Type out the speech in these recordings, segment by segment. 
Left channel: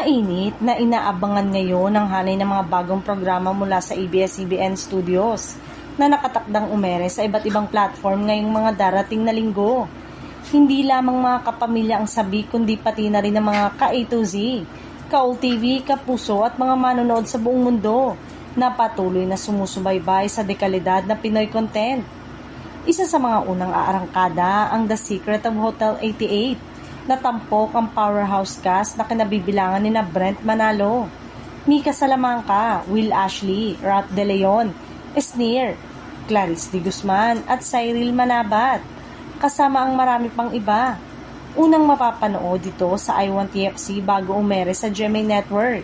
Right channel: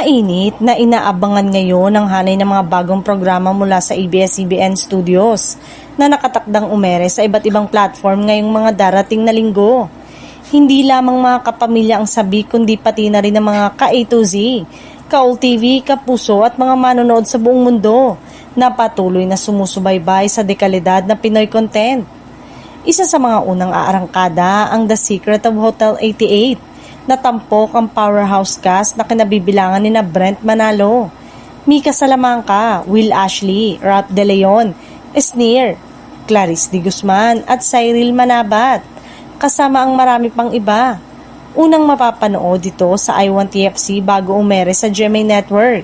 Mainit na inaabangan ngayon ang hanay ng mga bagong programa mula sa ABS-CBN Studios na nakatakdang umere sa iba't ibang platform ngayong mga darating na linggo. Hindi lamang mga kapamilya ang sabi kundi pati na rin ang mga ka-A to Z, ka-All TV, kapuso at mga manonood sa buong mundo na patuloy na sumusubaybay sa dekalidad na Pinoy content. Isa sa mga unang aarangkada ang The Secret of Hotel 88 na tampok ang powerhouse cast na kinabibilangan ni na Brent Manalo, Mika Salamanca, Will Ashley, Ralph De Leon, Esnir, Clarice de Guzman at Cyril Manabat, kasama ang marami pang iba. Unang mapapanood dito sa I1TFC bago umere sa GMA Network.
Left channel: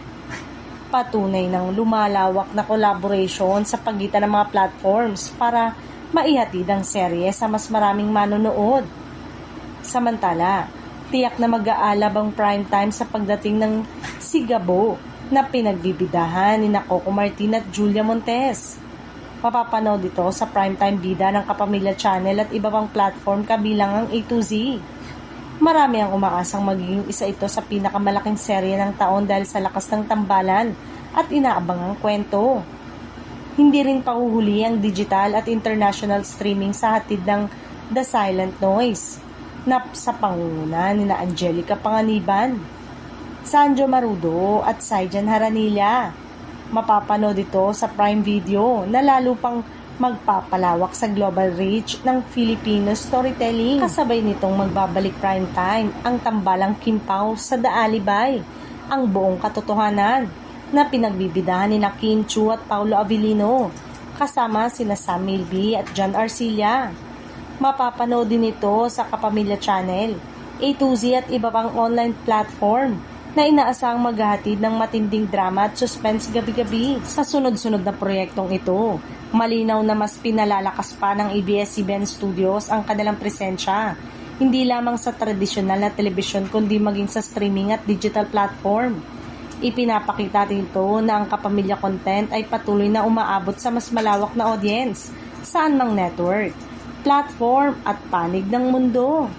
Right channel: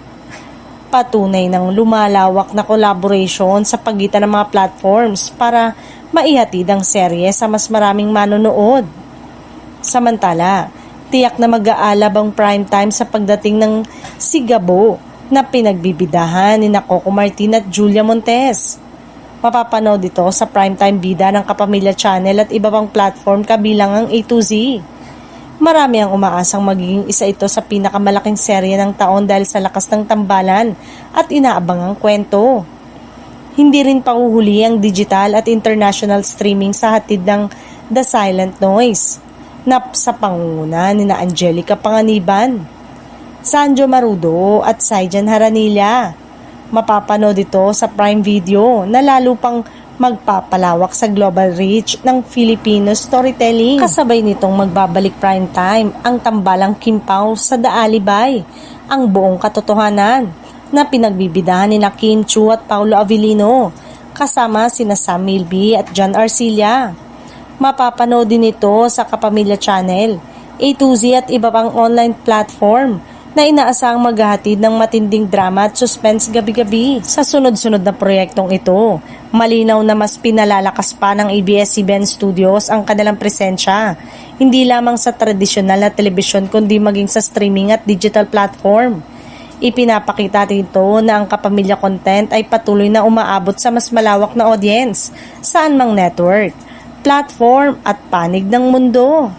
Patunay ng lumalawak na collaboration sa pagitan ng mga platforms para maihatid ang serye sa mas maraming manonood. Samantala, tiyak na mag-aalab ang primetime sa pagdating ng Sigabo na pinagbibidahan ni Coco Martin at Julia Montes. Mapapanood ito sa primetime bida ng Kapamilya Channel at iba pang platform kabilang ang A to Z. Marami ang umaasang magiging isa ito sa pinakamalaking serye ng taon dahil sa lakas ng tambalan at inaabangang kwento. Hindi rin pahuhuli ang digital at international streaming sa hatid ng The Silent Noise na sa pangunguna ni na Angelica Panganiban, Sanjo Marudo at Saijan Haranilla. Mapapanood ito sa Prime Video na lalo pang magpapalawak sa global reach ng Filipino storytelling. Kasabay nitong magbabalik prime time ang tambalang Kim Pao sa The Alibay, ang buong katotohanan na pinagbibidahan ni Kim Chu at Paulo Avellino kasama sina Sam Milby at John Arcilla. Mapapanood din ito sa Kapamilya Channel, A to Z at iba pang online platform na inaasahang maghahatid ng matinding drama at suspense gabi-gabi. Sa sunod-sunod na proyektong ito, malinaw na mas pinalalakas pa ng ABS-CBN Studios ang kanilang presensya, hindi lamang sa tradisyonal na telebisyon kundi maging sa streaming at digital platform. Ipinapakita dito na ang kapamilya content ay patuloy na umaabot sa mas malawak na audience saan mang network, platform at panig ng mundo.